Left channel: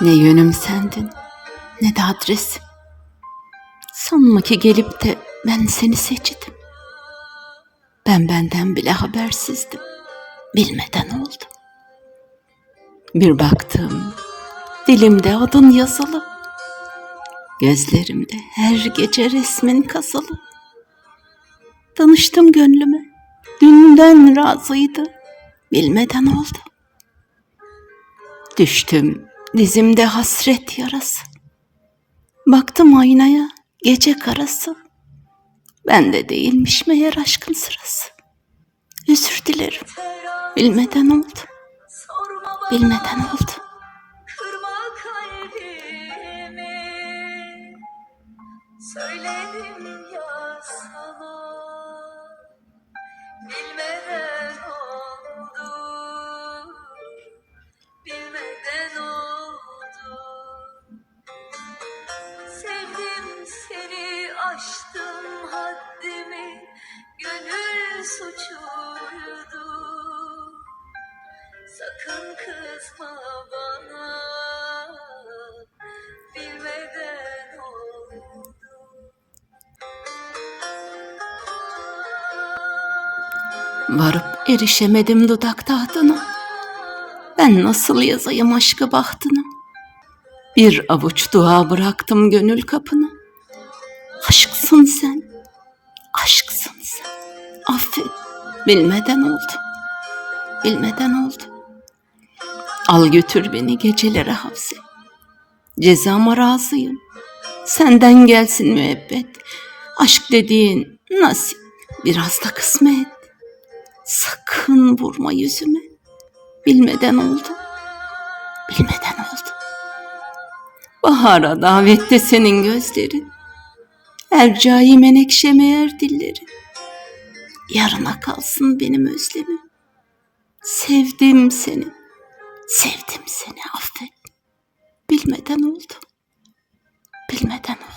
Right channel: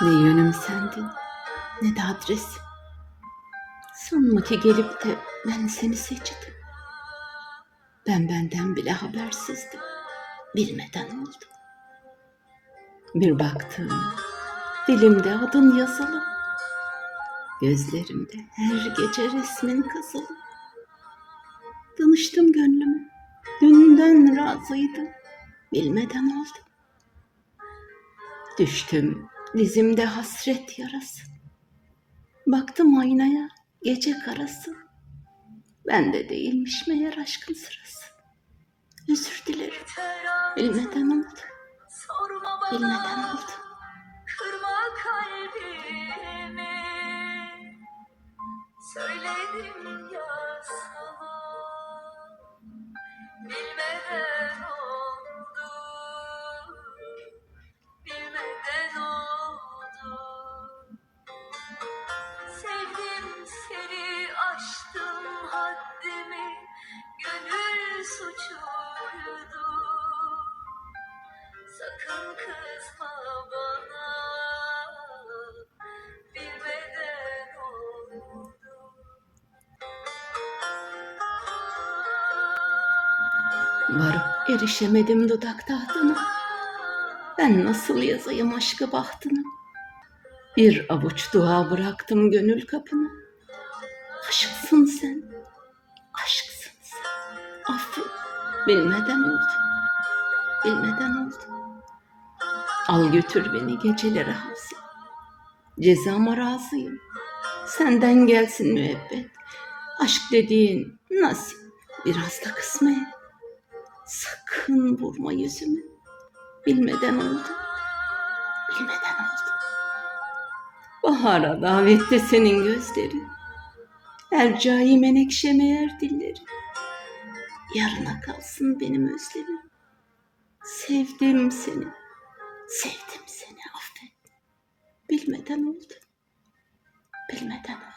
Ne yönüm sendin ne de adresim. Sanma ki gelip de ben seni seçtim. Ben benden bile habersizdim. Bilmeden oldu. Bir baktım dilimde adın yazılı. Gözlerimde her gece resmin kazılı. Danıştım gönlüme. Dünden razıydı. Bilmeden oldu. Düştüm dizimde hasret yarası. Baktım aynaya gece karası. Ben de değilmiş meğer aşkın sırası. Özür dilerim. Bilmeden oldu. Bilmeden oldu. Kırma Varıp erişemedim dudak tahtına. Ben nasıl yazayım aşkı bahtına? Bir avuç dua bıraktım gönül kapına. Aşksın sen, aşksın sen. Affet, bilmeden oldu, bilmeden oldu. Al götür beni gecelere hapse. Cezama razıyım. Senden gelsin müebbet. Aşk dediğin nasip, biraz da kısmet. Sakın vurma yüzüme. Bilmeden oldu. Bilmeden oldu. Bahara davette senin gözlerin. Ercai menekşe meğer dillerin. Yarına kalsın benim özlemim. Sevdim seni. Sevdim seni affet. Bilmeden oldu. Bilmeden oldu.